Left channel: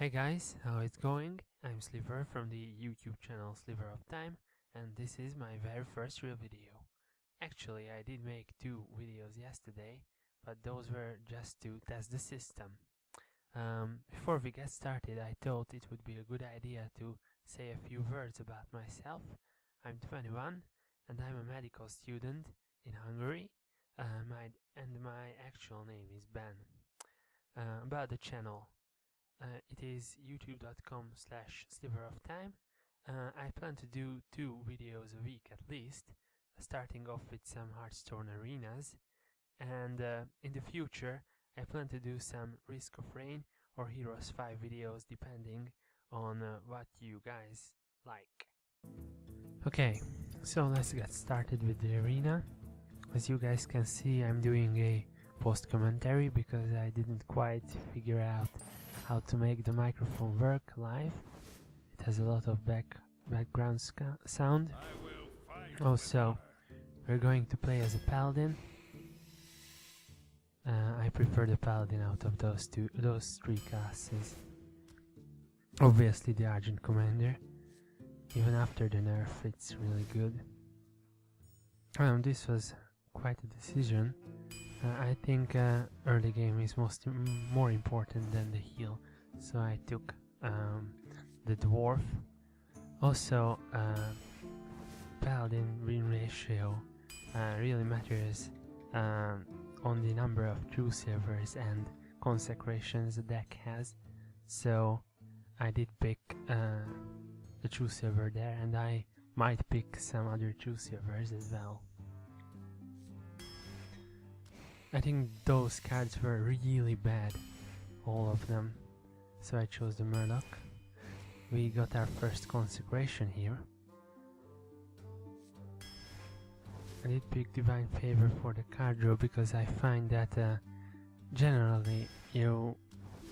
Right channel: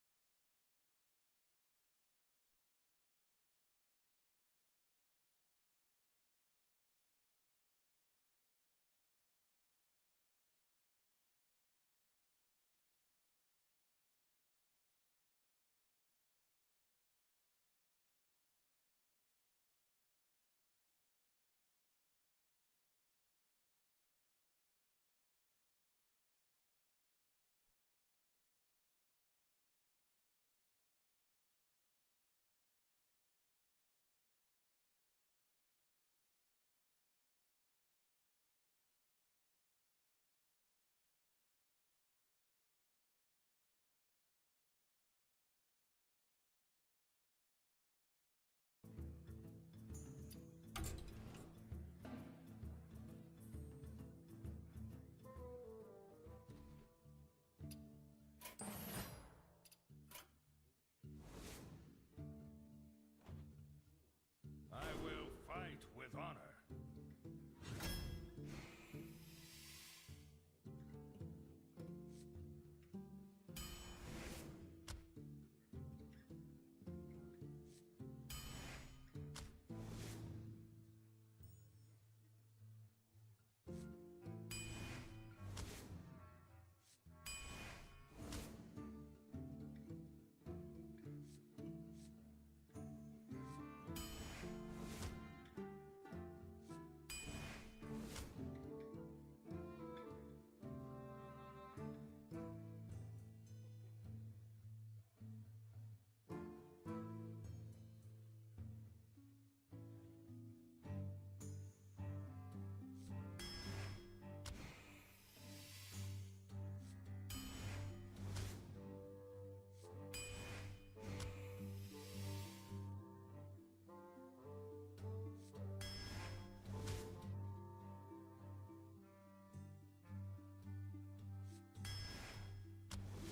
Hey guys, how it's going? I'm Sliver from the YouTube channel Sliver of Time, and this is my very first real video. Actually, I did make 2 videos yesterday, but those were just to test the system. Before we get started, I thought it would be a good idea to say a few words about myself. I'm 21 and I'm a medical student in Hungary, my actual name is Ben. About the channel. It is youtube.com/sliveroftime. I plan to do 2 videos a week at least, starting off with some Hearthstone arenas, and in the future I plan to do some Risk of Rain or Heroes 5 videos depending on what you guys like. Okay, so let's get started with the arena. As you guys can see, I'm doing a post commentary because I didn't quite figure out how to make the microphone work live. It has a lot of background sound. Also, we're going to play as a paladin. I prefer the paladin out of those 3 classes. Obviously the Argent Commander. Even after the nerf, it's really good. This was quite a decision. I think early game is more important than the heal, so I took the dwarf. Also, paladin win ratio really matters on the number of true silvers and consecrations the deck has, so I did pick the true silver there, and I might pick some other true silvers as well. I think those cards were really bad, all of them, so I chose the Murloc. We got our first consecration here. I did pick Divine Favor for the card draw because I find that generally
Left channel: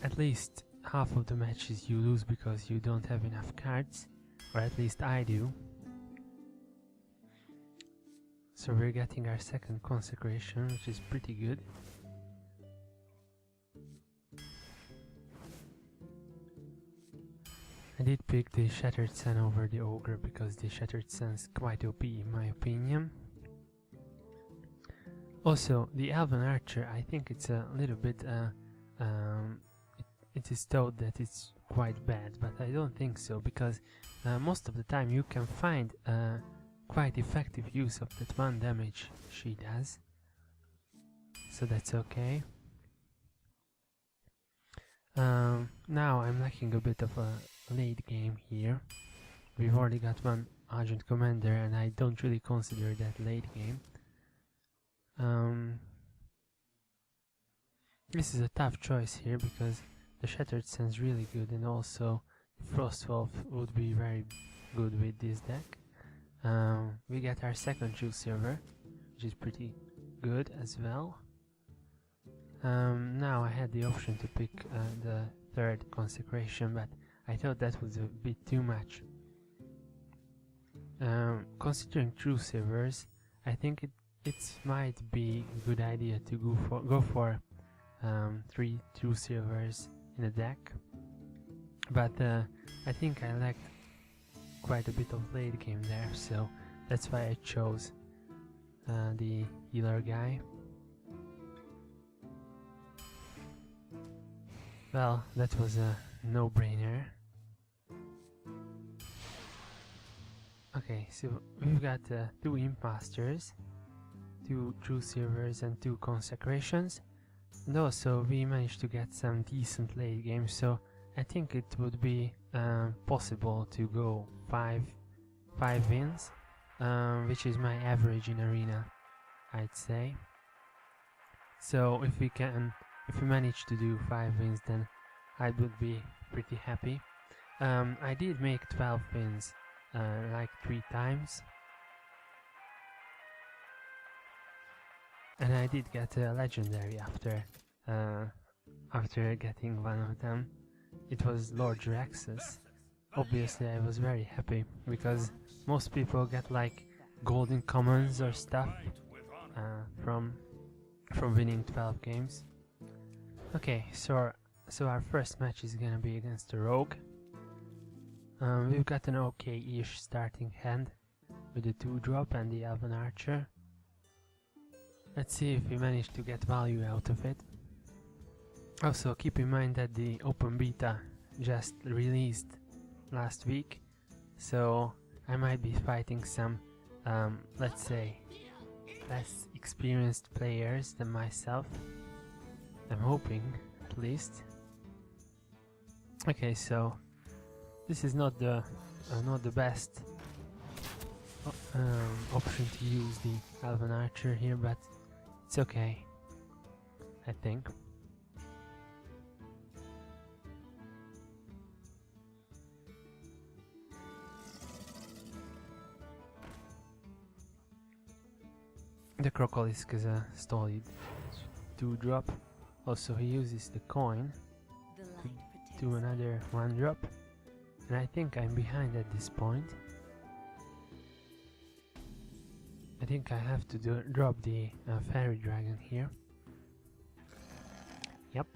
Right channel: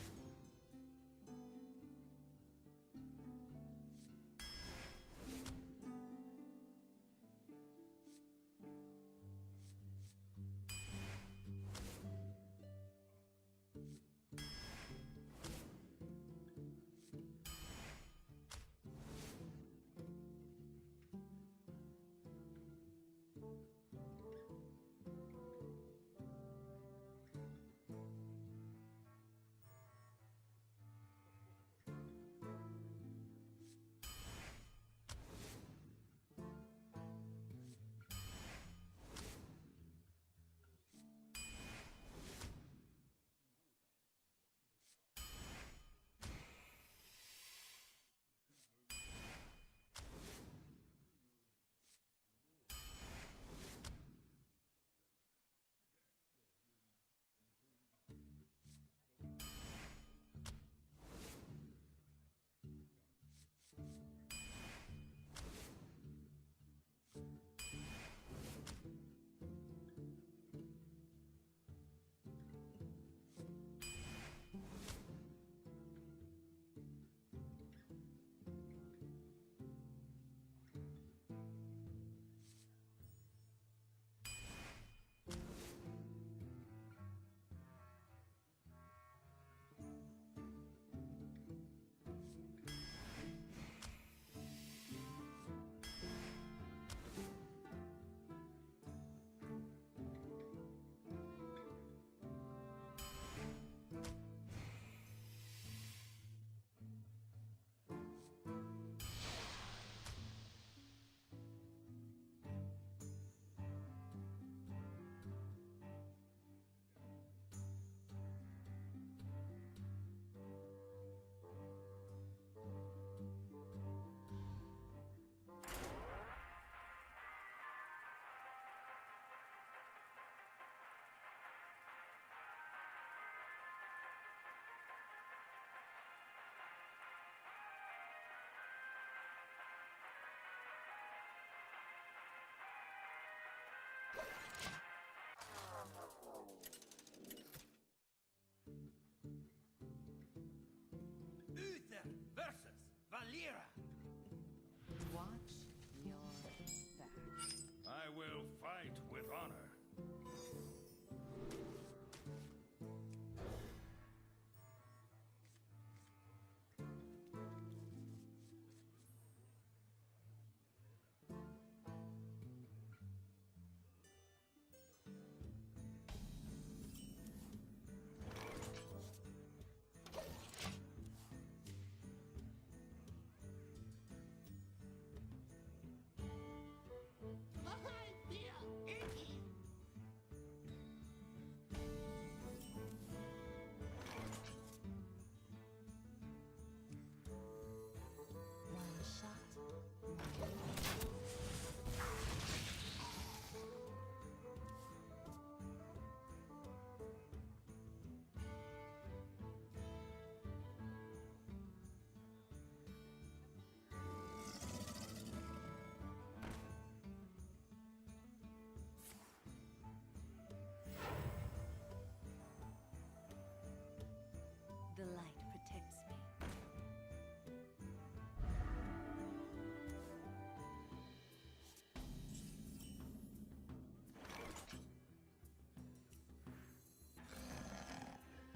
at least half of the matches you lose because you don't have enough cards, or at least I do. So we're getting our second consecration, which is pretty good. I did pick the Shattered Sun over the Ogre because the Shattered Sun's quite OP in my opinion. Also, the Elven Archer, I think it's a little bit it is thought that it's quite bad, but I don't think so, because most of the time you can find quite effective use of that 1 damage she does, so that's okay. Now I'm lacking a bit of a late game here. We've already got 1 Argent Commander and I don't really consider that late game. This is a tough choice here because the Shattered Sun's really good, and also Frostwolf would be very good with this deck. We get our second true silver, which is pretty good as well. Now I had the option to pick the 3rd consecration, but I thought that was a bit too much. Considering true silvers, I think it might be a good idea to go for 3 true silvers in a deck, but I think I lacked quite a bit of late game there, so that's why I chose the healer guy. Well, that was a no-brainer. Okay, so we've got 2 imposters, 2 true silvers and 2 consecrations, and also we managed to get some decent late games, so I think it would be possible to go 5 wins, which is my average in arena, I'd say. So if we manage to do 5 wins, then I would be pretty happy. I did make 12 wins like 3 times, and I did get a legendary after getting one of them. It was Lord Draxus. Obviously I was very happy, because most people get like golden commons or stuff from winning 12 games. Okay, so So our first match is gonna be against the Rogue. We've got an okay-ish starting hand with the 2-drop and the Elven Archer. Let's see if we manage to get value out of it. Also keep in mind that the open beta just released last week, so I might be fighting some, let's say, less experienced players than myself. I'm hoping, at least. Okay, so this is not the best option to use the Elven Archer here, but it's okay, I think. The Crocolisk is a stolid 2-drop. Also he uses the coin to do another 1-drop. And I think I'm behind at this point. I think I have to drop the Fairy Dragon here. Yep.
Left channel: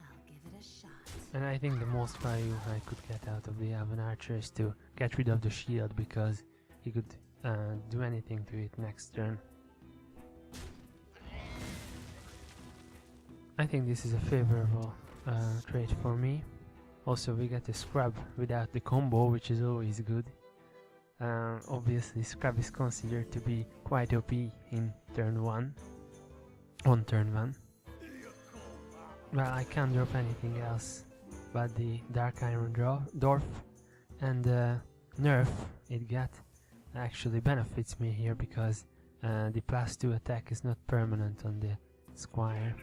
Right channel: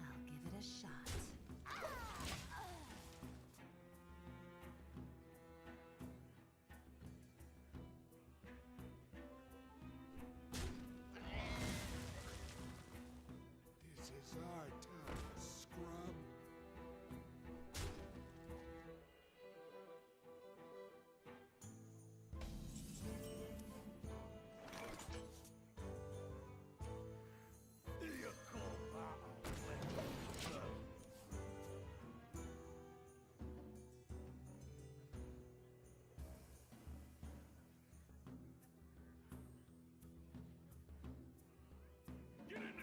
I'll give it a shot. And I think the most value I could get out of the Elven Archer is to get rid of the shield, because he could do anything to it next turn. I think this is a favorable trade for me. Also we get a Scrub without the combo, which is always good. Obviously Scrub is considered to be quite OP in turn 1. On turn 1. Well, I can't drop anything else but the Dark Iron Dwarf, and nerf it got actually benefits me here, because the +2 attack is not permanent on the Squire.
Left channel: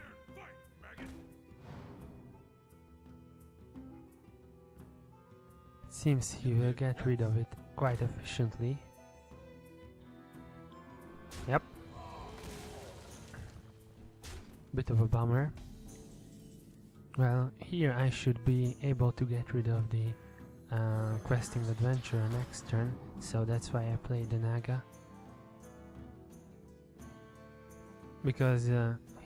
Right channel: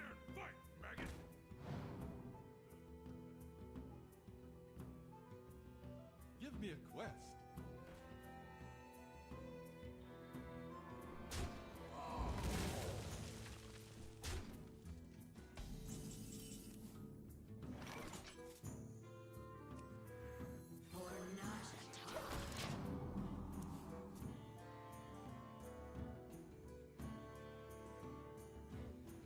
Seems he will get rid of it quite efficiently. Yep. Bit of a bummer. Well, here I should be able to get rid of the questing adventure next turn, so that's why I played the Naga. Because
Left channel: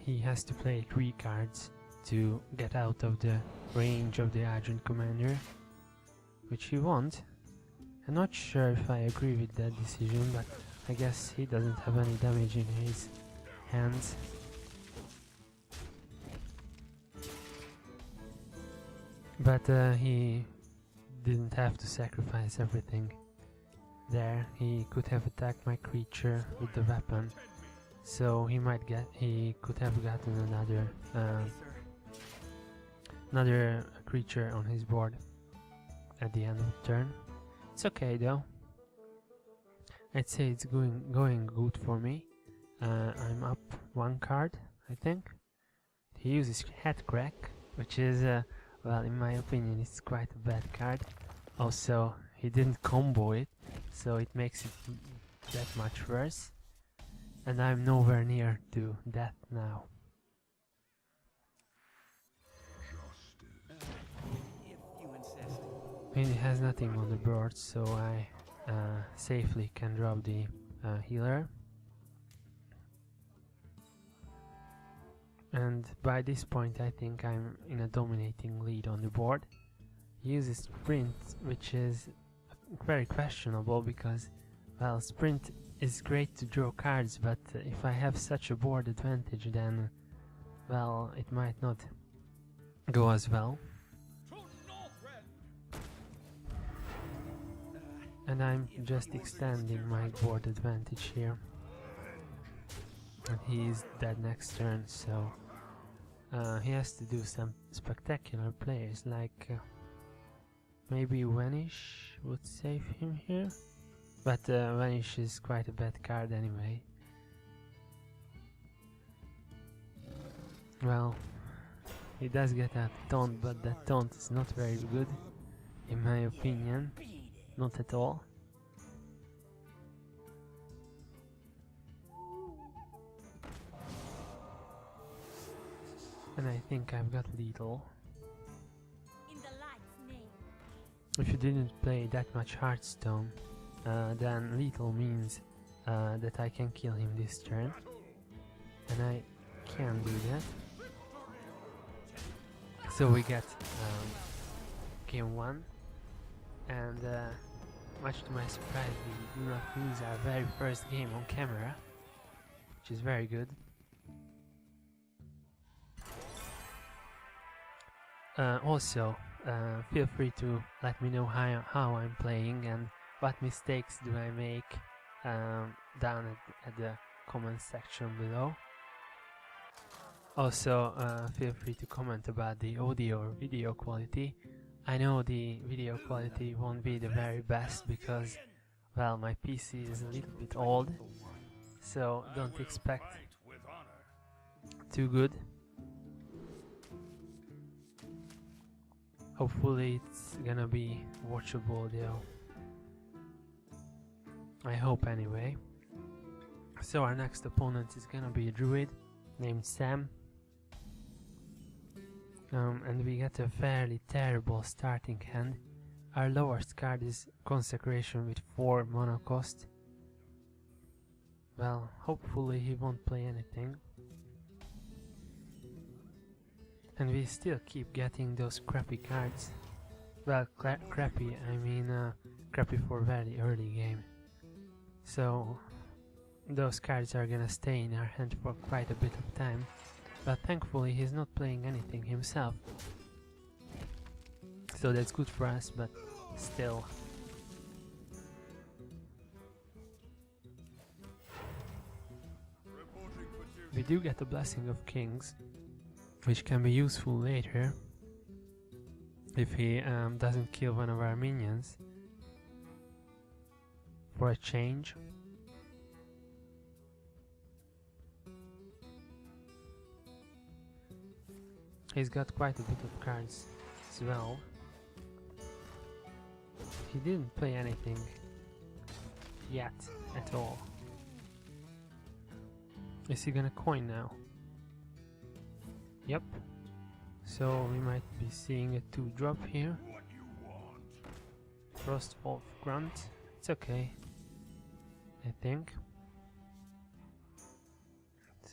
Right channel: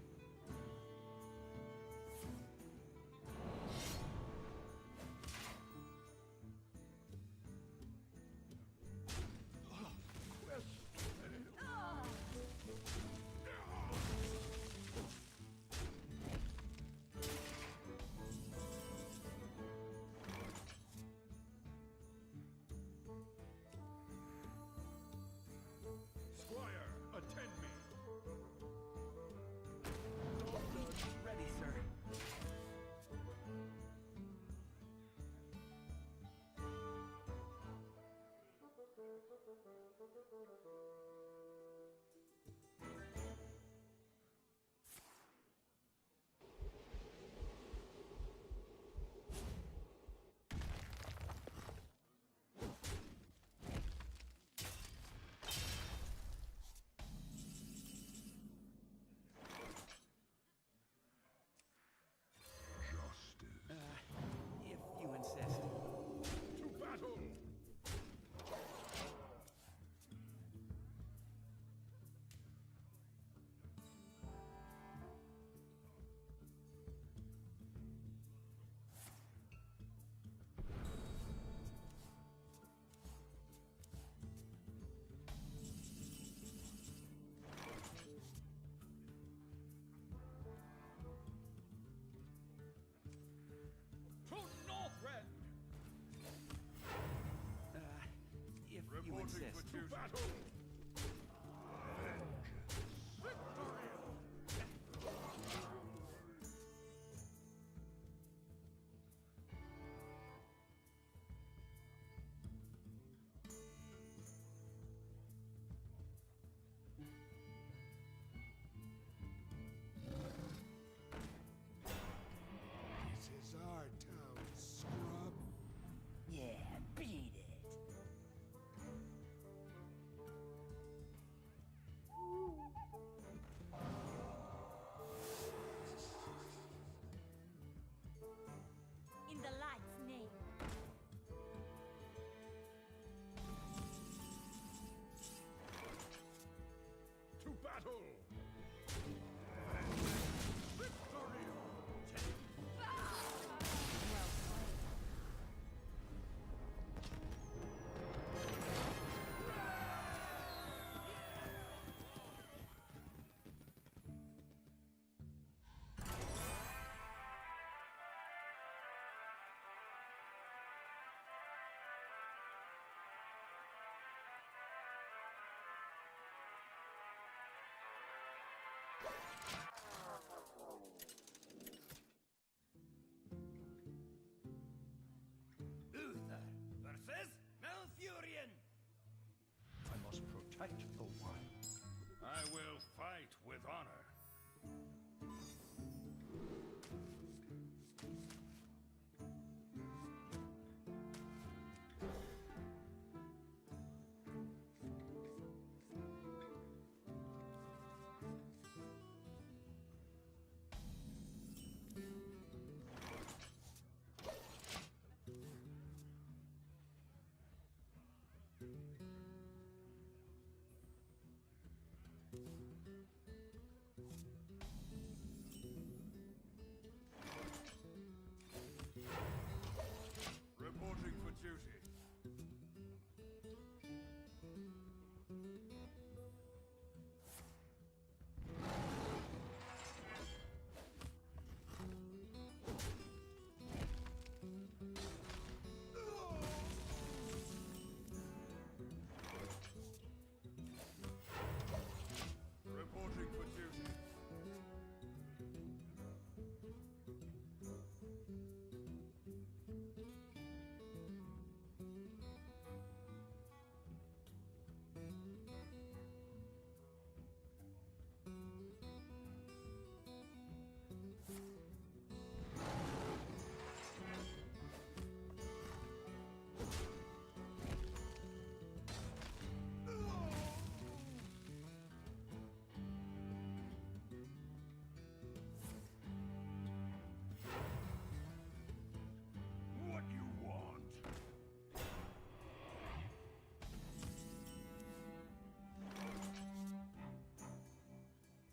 he has to play 3 cards to get out of the range of the Argent Commander, which he won't. I'm not sure if I agree with that decision, but I guess he doesn't have any damage in his hands. But he didn't have to sacrifice everything there. He could have attacked my creature with the weapon, so he could have gotten another creature on his board at the end of turn. It's okay though. I'd say it's going good for me. I'm up 1 card, I think. He uses Headcrack, which is well, in my opinion, it's quite a bad card. Also, he didn't combo it, so it makes it that much worse. And I'm nowhere near to death now. If you insist. I mean, it has nothing on the board, so I safely can drop the healer. And by this point I think I'm in a dominating lead on the board. He uses Sprint, which is very questionable, because, well, Sprint is great to draw cards, but if I have such a board advantage, then, well, it might not go as well. And I'm just extending my board advantage here. And he is dead next turn, so he has to do some spectacular plays, like maybe Vanish would save him here, but Vanish is quite a bad card anyway. Well, he does get a taunt, but that taunt is not very good, in my opinion, not at all. And I think I've got lethal. In the light's name. If you didn't play that much Hearthstone, then lethal means that I can kill him this turn. And I can do that. So we get game 1, and much to my surprise we do not lose our very first game on camera, which is very good. Also, feel free to let me know how I'm playing and what mistakes do I make down at the comment section below. Also, feel free to comment about the audio or video quality. I know the video quality won't be the very best because, well, my PC is a little bit old, so don't expect too good. Hopefully it's gonna be watchable though. I hope anyway. So our next opponent is gonna be a druid named Sam. And we get a fairly terrible starting hand. Our lowest card is Consecration with 4 mana cost. Well, hopefully he won't play anything. And we still keep getting those crappy cards. Well, crappy, I mean crappy for very early game. So those cards are gonna stay in our hand for quite a bit of time. But thankfully he's not playing anything himself. So that's good for us, but still. We do get the Blessing of Kings, which can be useful later if he doesn't kill one of our minions for a change. He's got quite a bit of cards as well. He didn't play anything yet at all. Is he gonna coin now? Yep. So we might be seeing a 2-drop here. Frostwolf Grunt. It's okay, I think.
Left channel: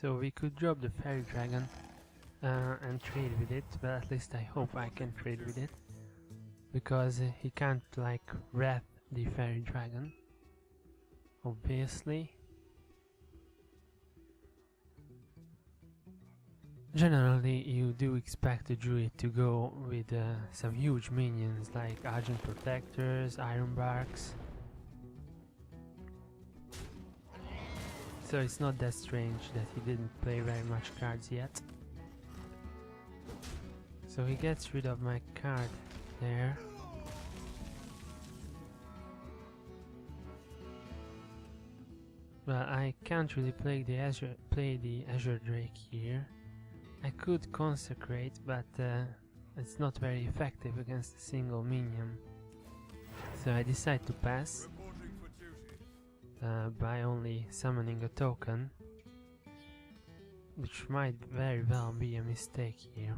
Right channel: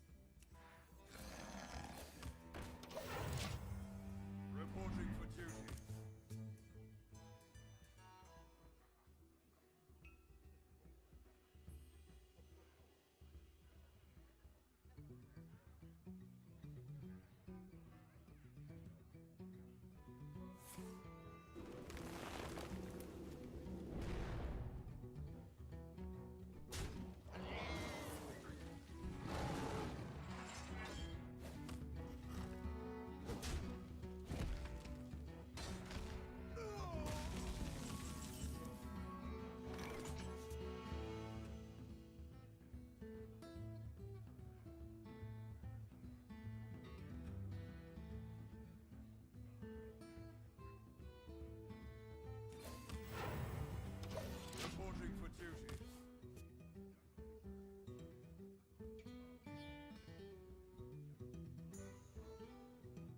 So we could drop the Fairy Dragon and trade with it, but at least I hope I can trade with it, because he can't like wrath the Fairy Dragon, obviously. Generally you do expect a druid to go with some huge minions like Argent Protectors, Iron Barks, so it's not that strange that he didn't play very much cards yet. So he gets rid of my card there. Well, I can't really play the Azure Drake here. I could consecrate, but it's not very effective against a single minion. So I decide to pass by only summoning a token, which might very well be a mistake here.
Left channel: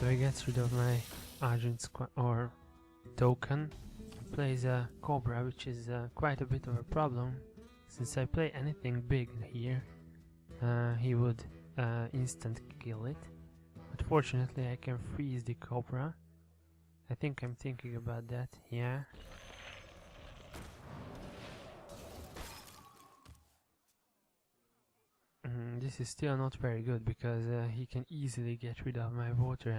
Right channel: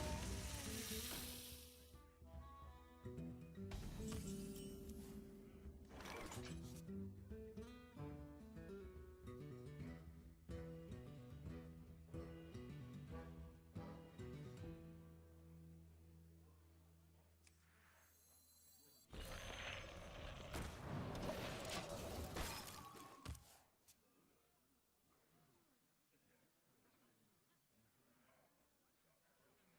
So he gets rid of my Argent or token, plays a Cobra, which is quite a bit of a problem. Since I play anything big here, he would instant kill it. Unfortunately I can freeze the Cobra. I think I'm thinking about that, yeah. This is still not very good because he can easily get rid of my water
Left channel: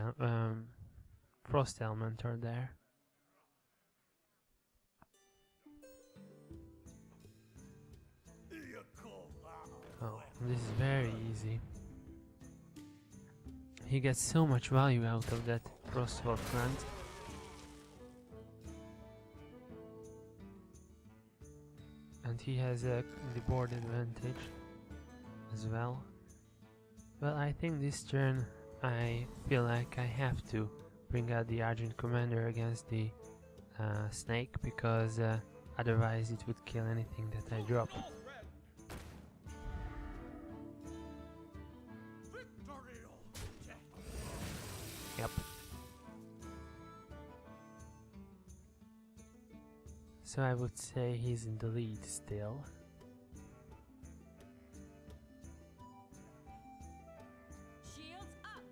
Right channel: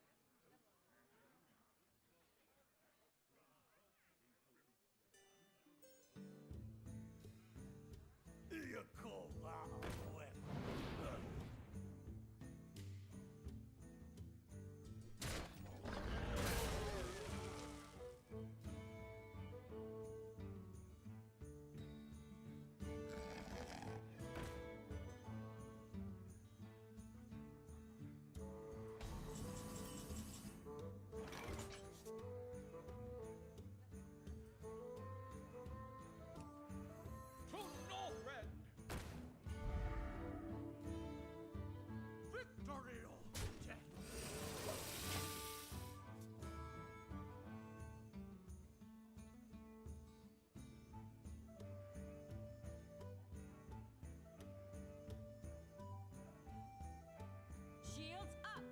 Frost Elementor there. Oh, this is very easy. He gets so much value out of that Frostwolf plant. And he has the board advantage as well. Well, I think this turn I feel like I have to bring out the Argent Commander against the snake, because otherwise it would kill anything that I drop. So I would say he's in the lead still. Shields up.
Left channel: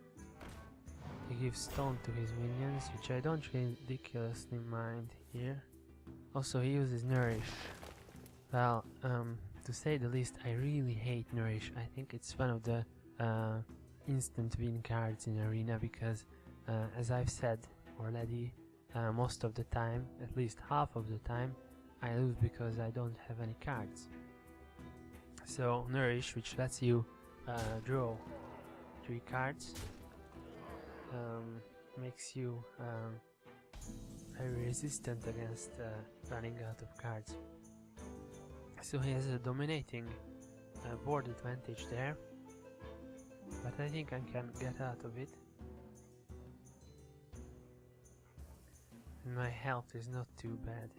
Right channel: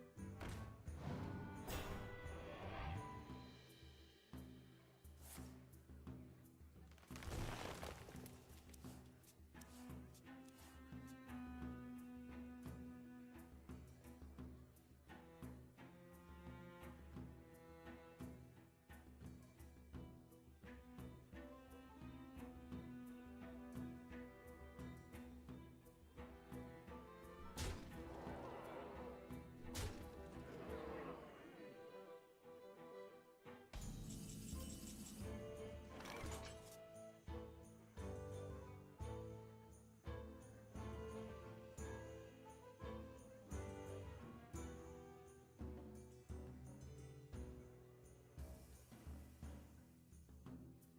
He gives stone to his minions, which I don't ridiculously mind here. Also, he uses Nourish. Well, to say the least, I really hate Nourish. I think it's one of the instant win cards in Arena because, as I've said already, most of the time, at least half of the time, I lose because I don't have any cards. So Nourish, which lets you draw 3 cards, makes you very resistant against running out of cards. So he has a dominating board advantage there, but I think I can get out of it. And my health is not too bad.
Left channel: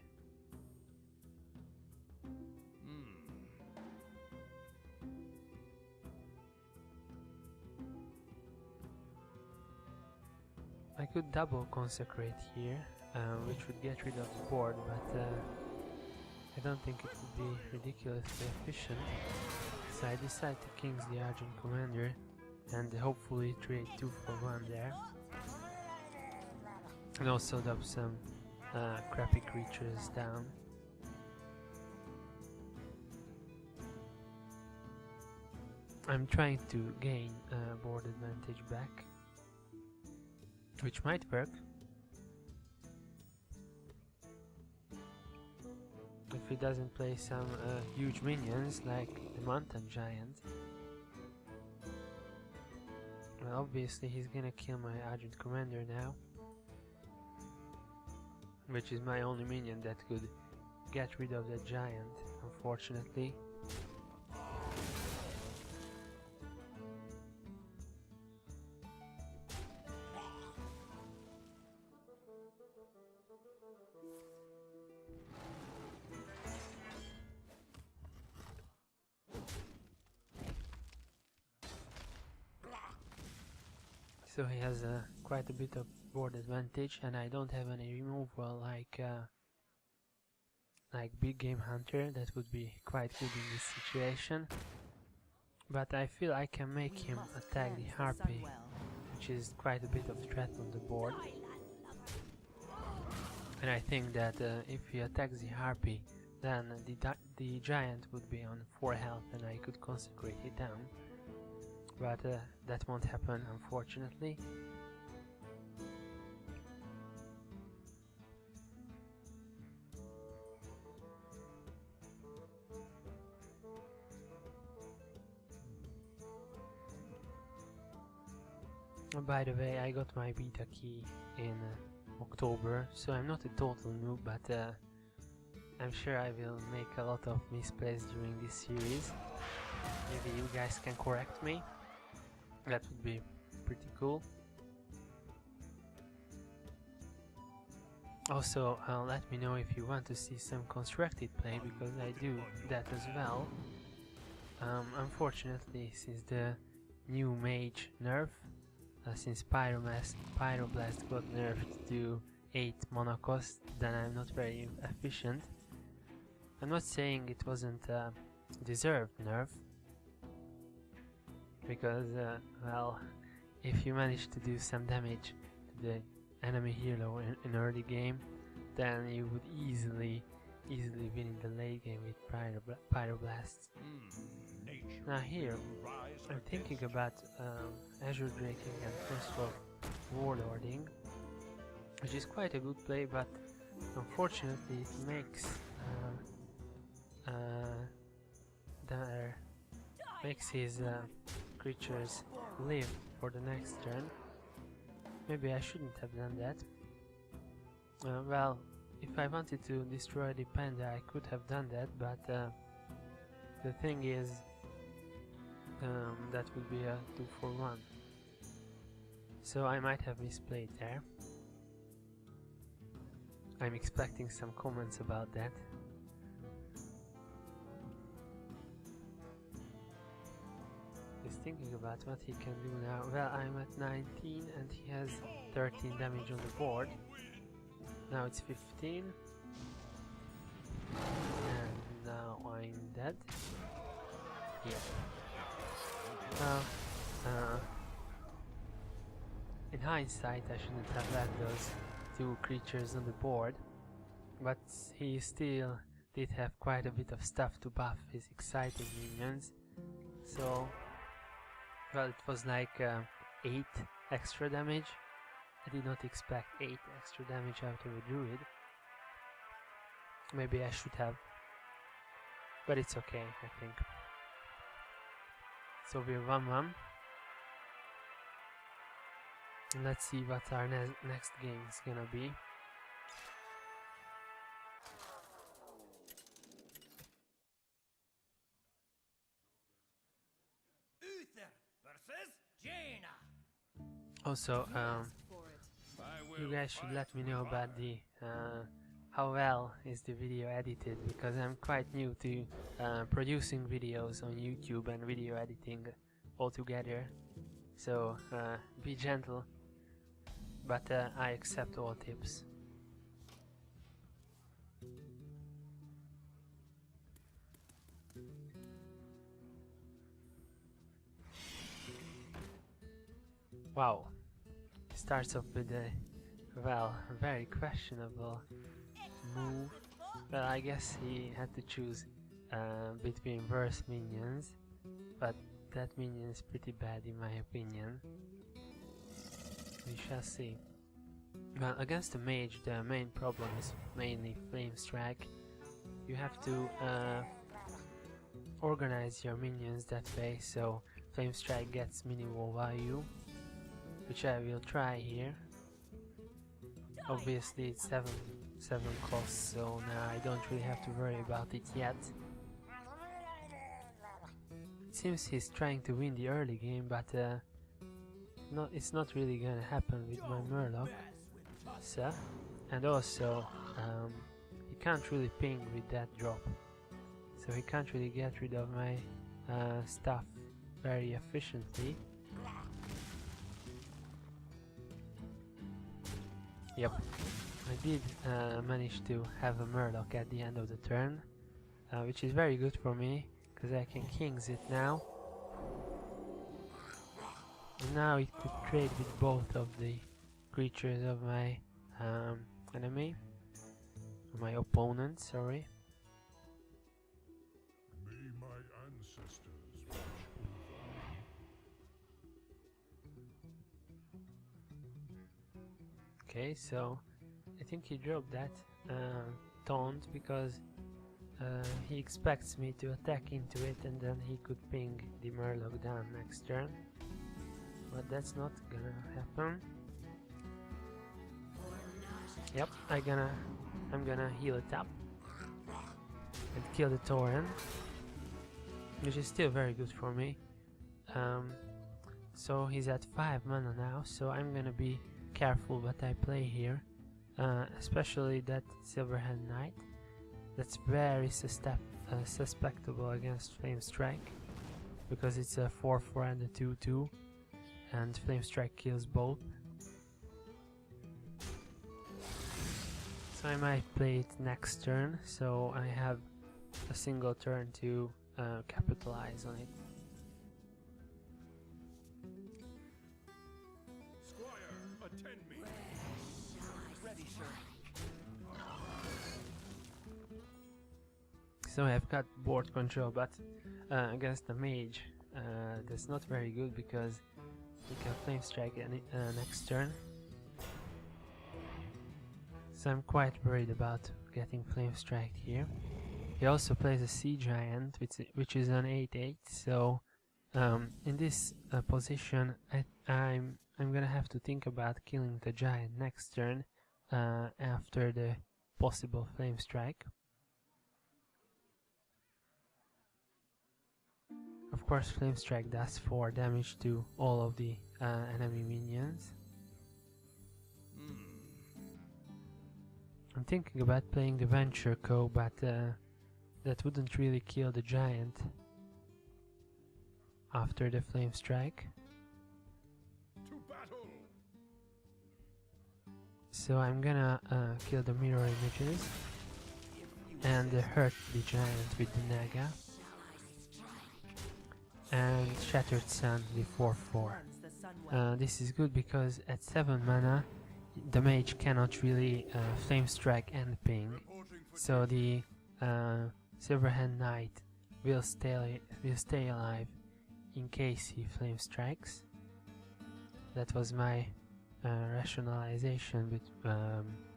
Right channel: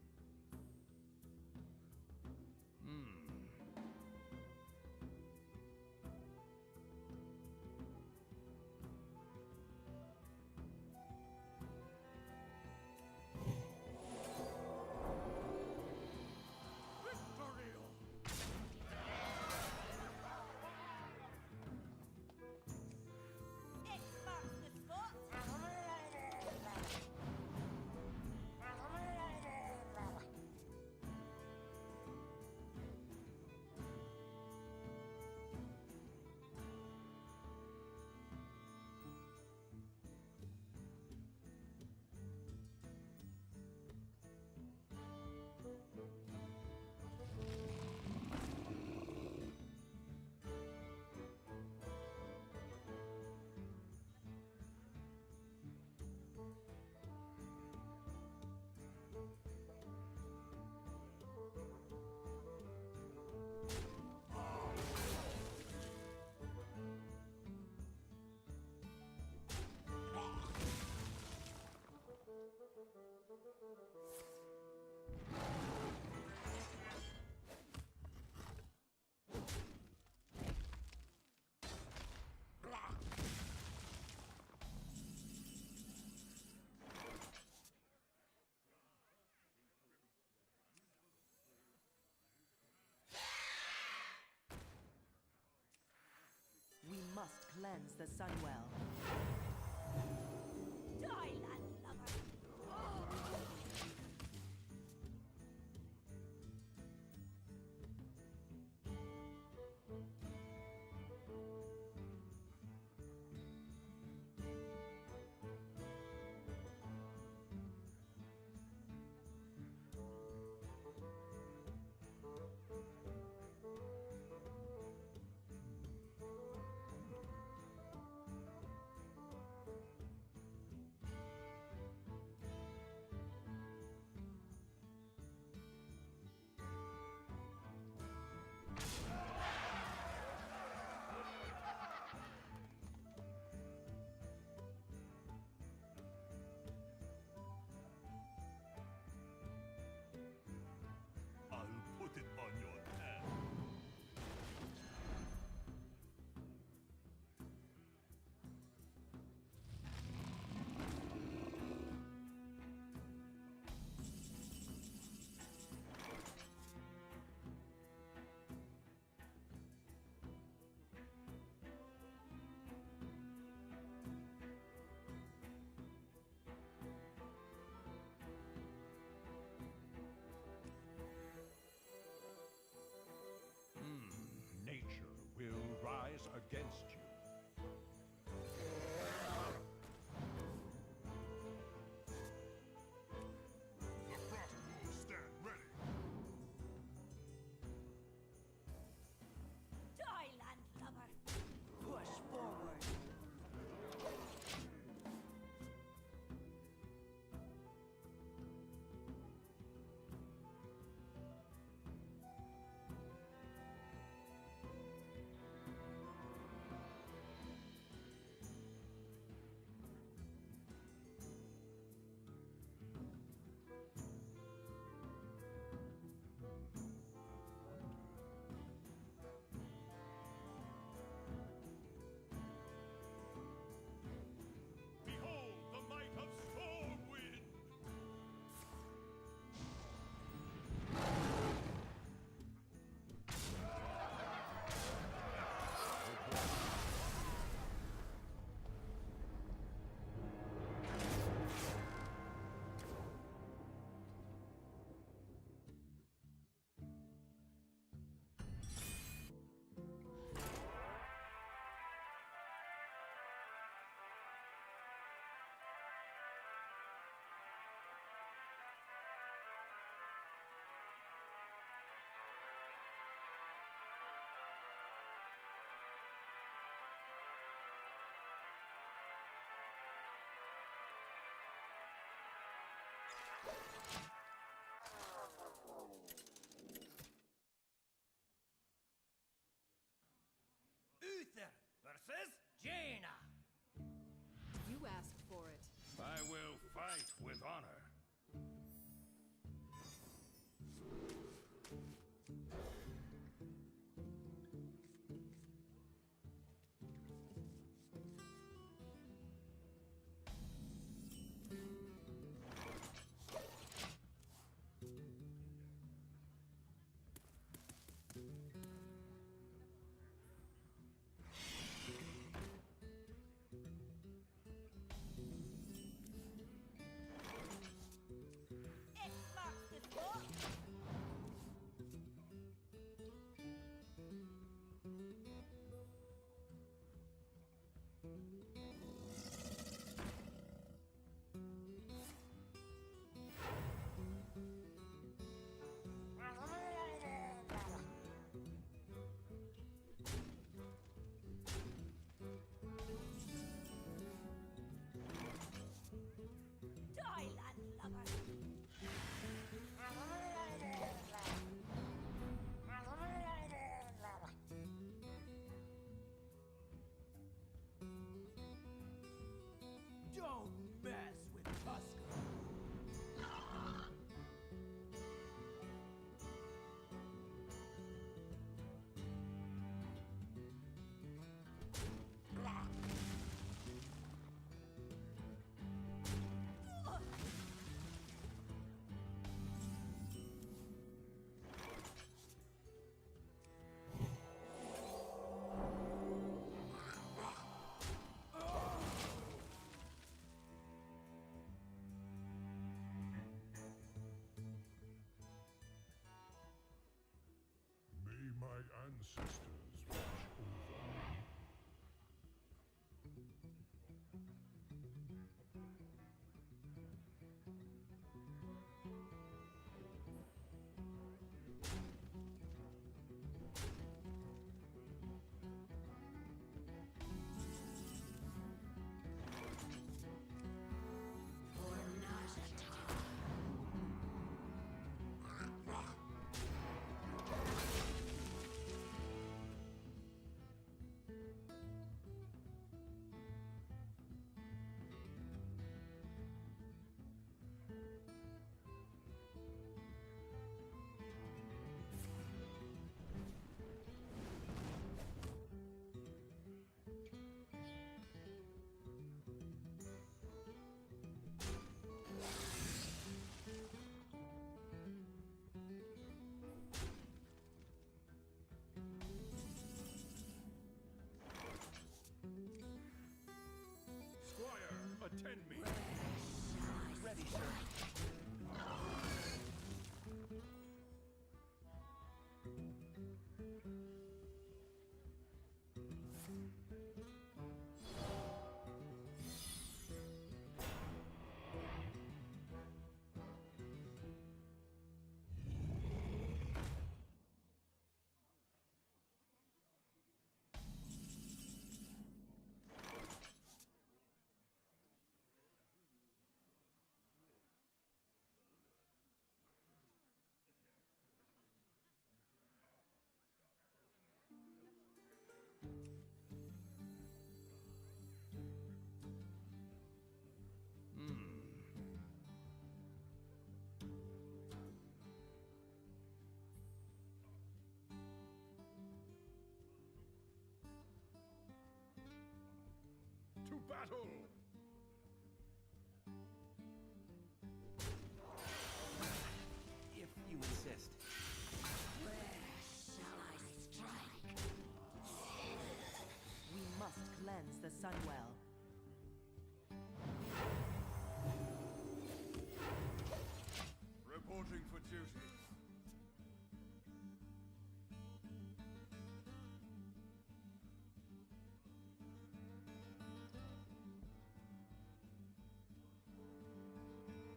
I could double consecrate here, which would get rid of the board, but I don't think it would be ridiculously efficient. So I decide to King's the Argent Commander and hopefully trade 2 for 1 there. And also dump some crappy creatures down. I'm trying to gain board advantage back, which might work. If he doesn't play some huge minions like the Mountain Giant. Well, obviously he's gonna kill my Argent Commander now, which is my only minion that could get rid of the giant, unfortunately. So he has quite a bit of board advantage, and I don't have any removal like Big Game Hunter. That would be quite good in this situation. But I feel I can make him attack the Harpy, which is quite a bit of threat on the board. And I think that if he attacks the Harpy, then the giant would be on 4 health and I could consecrate it down. But that won't happen, unfortunately. By the way, I got my beta key in October, so I'm not a total noob, but I'm sure I will make a lot of misplays during this series. Maybe you guys can correct me. That would be pretty cool. Also, let me know if you want to see some constructed play, because I do that as well. Unfortunately, since the new mage nerf, since Pyroblast got nerfed to 8 mana cost, then I'm not very efficient. I'm not saying it wasn't deserved nerf, because well, if you manage to do some damage to the enemy hero in early game, then you would easily win in the late game with Pyroblasts. Now here, I'm thinking about Azure Draking and Crystal Warlording, which is quite a good play, but unfortunately it makes his creatures live for the next turn. Maybe I shouldn't have done that. Well, if I wanted to destroy the panda, I could have done that, but the thing is, that would be a 2 for 1. So I might have misplayed there. I'm expecting some comments about that. He's thinking about what he can do now. Well, I'm at 19 and he has 13 damage on the board. Now it's 15. hindsight, I shouldn't have left those two creatures on the board, but he still did have quite a bit of stuff to buff his exciting minions, so well, it was like 8 extra damage. I did not expect 8 extra damage out of a druid. Maybe I should have, but it's okay, I think. So we're 1-1. Let's see what our next game is gonna be. Uther versus Jaina. Also, You asked for it. you guys should let me know about the how well is the video edited, because I'm quite new to producing videos on YouTube and video editing altogether. So be gentle, but I accept all tips. Wow, starts off with a, well, very questionable move. Well, I guess he had to choose between verse minions, but that minion is pretty bad in my opinion. We shall see. Well, against the mage, the main problem is mainly flame strike. You have to organize your minions that way, so flame strike gets minimal value, which I will try here. Obviously it's 7 costs, so now I don't really have to worry about it yet. It seems he's trying to win the early game, but it's not really gonna happen with my Murloc. So, and also he can't really ping with that drop, so he can't really get rid of my stuff very efficiently. Yep, I did manage to have a Murloc at the end of the turn, which is very good for me, because I can Kings it now. And now it could trade with both of the creatures of my enemy, my opponent, sorry. May my ancestors watch over. Okay, so I think he dropped that taunt because he expects me to attack into it, and then he could ping the Murloc down next turn. But that's not gonna happen. Yep, I'm gonna heal it up and kill the Tauren, which is still very good for me. So he's at 5 mana now, so I'm gonna be careful what I play here, especially that Silverhand Knight. That's very suspectable against Flame Strike, because it's a 4/4 and a 2/2, and Flame Strike kills both. So I might play it next turn, so I have a single turn to capitalize on it. Squire, attend me. Ready, sir. So I've got board control, but against the mage, that's not very good, because we can Flame Strike next turn. So I'm quite worried about getting Flame Strike here. He also plays a Sea Giant, which is an 8/8. So in this position, I'm gonna have to think about killing the Giant next turn after the possible Flame Strike. Of course, Flame Strike does 4 damage to all of the enemy minions. I'm thinking about playing the Venture Co, but that wouldn't really kill the Giant after the Flame Strike. To battle. So I'm gonna kill the Mirror Images If you and insist. hurt the Giant with the Naga. and Shattered Sun the 4/4. Cleanse the sun well. This is good because at 7 mana the mage cannot really flame strike and ping, so the Silverhand Knight will stay alive in case he flame strikes. That was my rationalization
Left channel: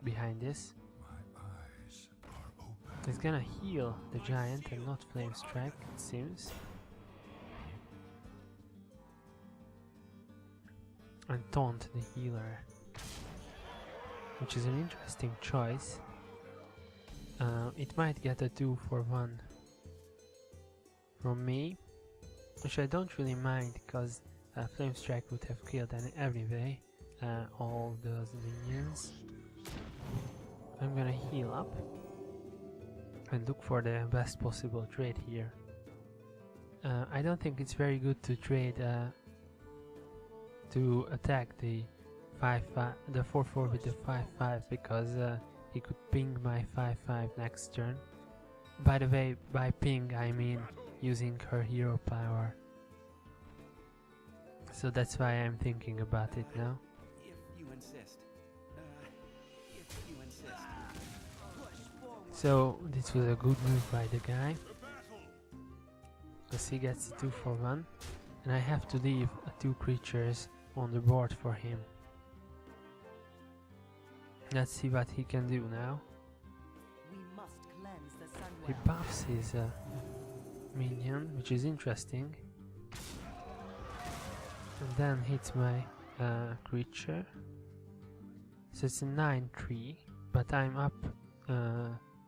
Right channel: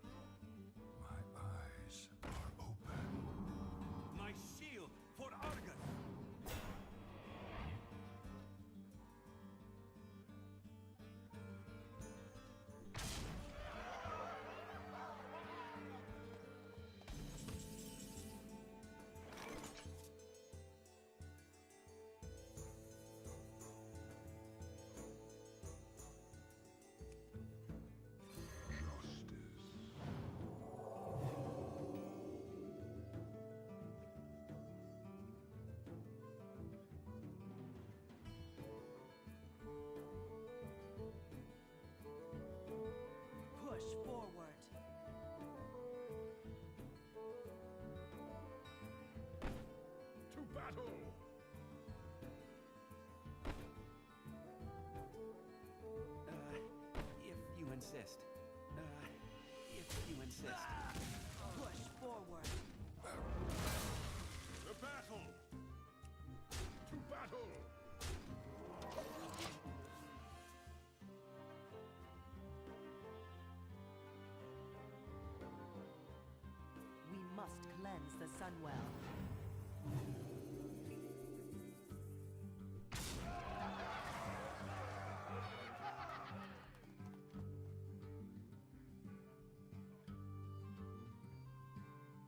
behind this. My eyes are open. It's gonna heal the giant and not flame strike, it seems. And taunt the healer, which is an interesting choice. It might get a 2-for-1 from me, which I don't really mind because Flame Strike would have killed every way all those minions. I'm gonna heal up and look for the best possible trade here. I don't think it's very good to trade to attack the 4/4 with the 5/5 because he could ping my 5/5 next turn. By the way, by ping I mean using her hero power. So that's why I'm thinking about it now. If you insist. If you insist. Push forward. So this was a good move by the guy. Because he gets 2-for-1 and I have to leave 2 creatures on the board for him. Let's see what he can do now. We must cleanse the sun He well. buffs his minion, which is interesting. And then hits my creature. So it's a 9/3, but I'm up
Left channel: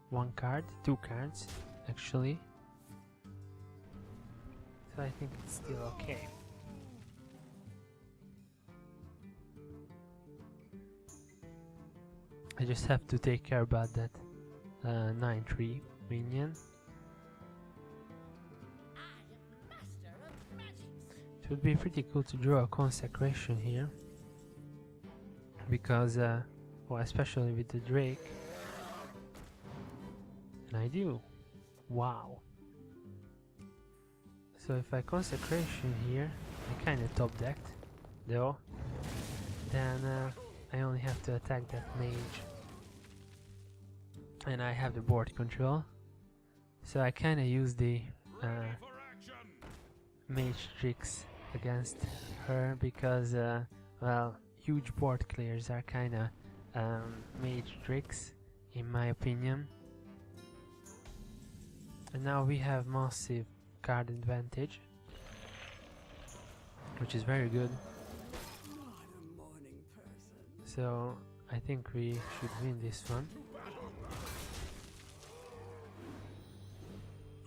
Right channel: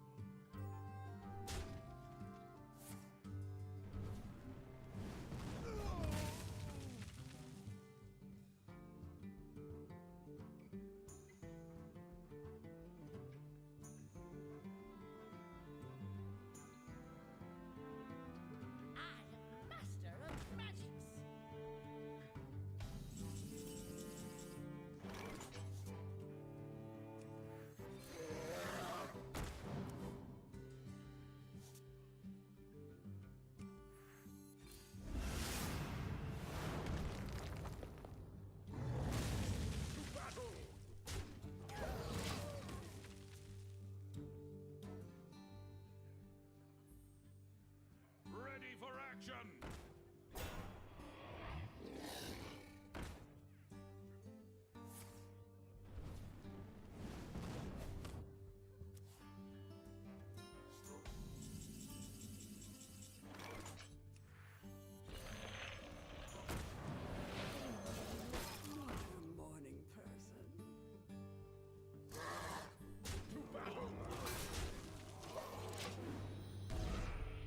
1 card, 2 cards actually. So I think it's still okay. I just have to take care about that 9/3 minion. It would be pretty cool to draw a consecration here, because well, especially with the Drake. And I do. Wow. So if I consecration here, I'm kind of top decked though, then I only have to attack that mage. And I have the board control, so I kind of use the mage tricks against her because well, huge board clears are kind of mage tricks in my opinion. And now we have massive card advantage, which is very good. So I think we should win this one.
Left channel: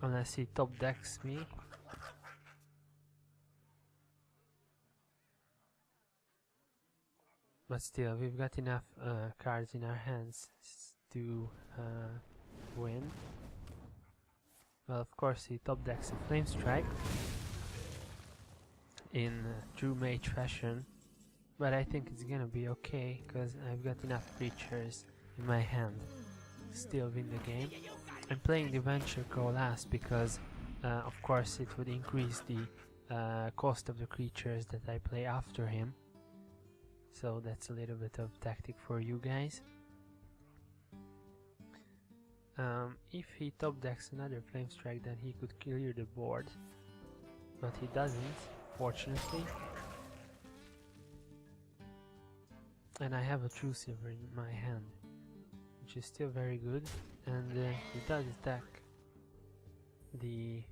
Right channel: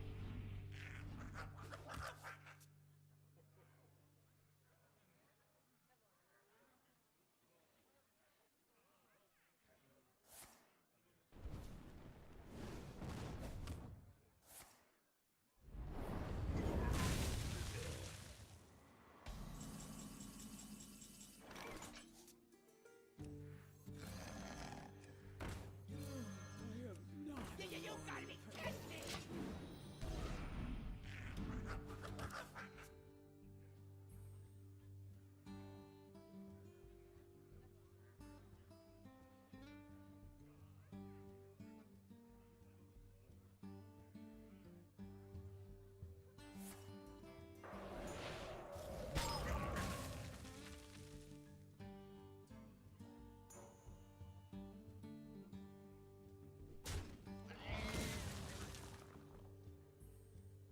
Unless he top decks me. But still, we've got enough cards in our hands to win. Well, of course, he top decks a Flame Strike in true mage fashion, but I think it's gonna be okay because I've got enough creatures in my hand to still win the game. I'm playing the Venture Coalesce because, of course, it would increase the cost of the creatures that I play after him. So that's a little bit of tactic for you guys. If he top decks another Flame Strike, then he could clear the board, but he doesn't, fortunately. And I have a True Silver in my hand, which is still very good, and he does attack the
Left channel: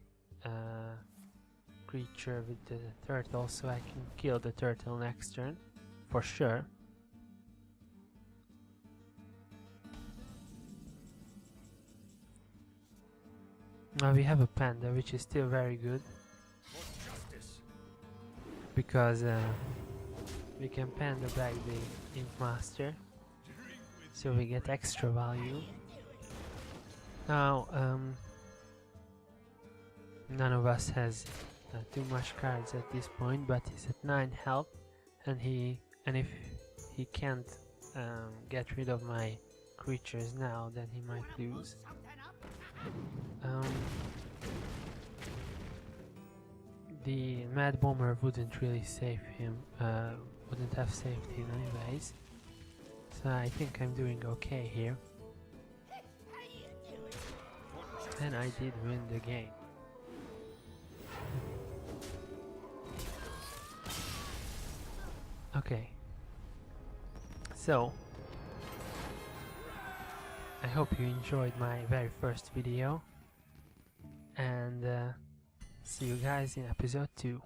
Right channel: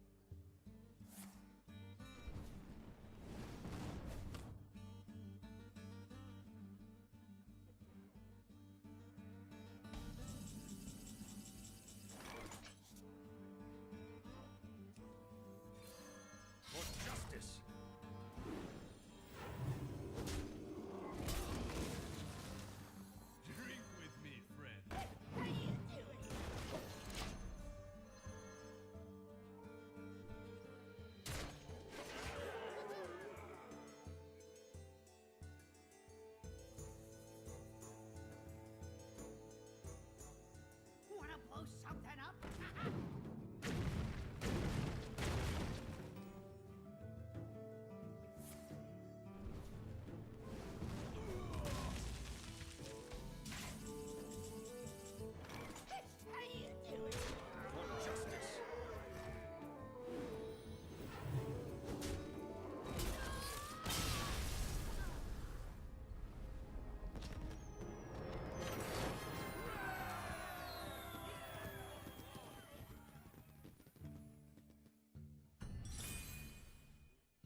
creature with the turtle, so I can kill the turtle next turn, for sure. Now we have a panda, which is still very good, because we can panda back the Ink Master, so we get extra value. Now none of us has too much cards at this point, but he's at 9 health, and if he can't get rid of my creatures now, then he might lose. the Mad Bomber wouldn't really save him, wouldn't have saved him anyways. So I think I'm doing okay here. And I did win the game. Okay. So, I hope you enjoyed my very first video. And see you guys in episode 2.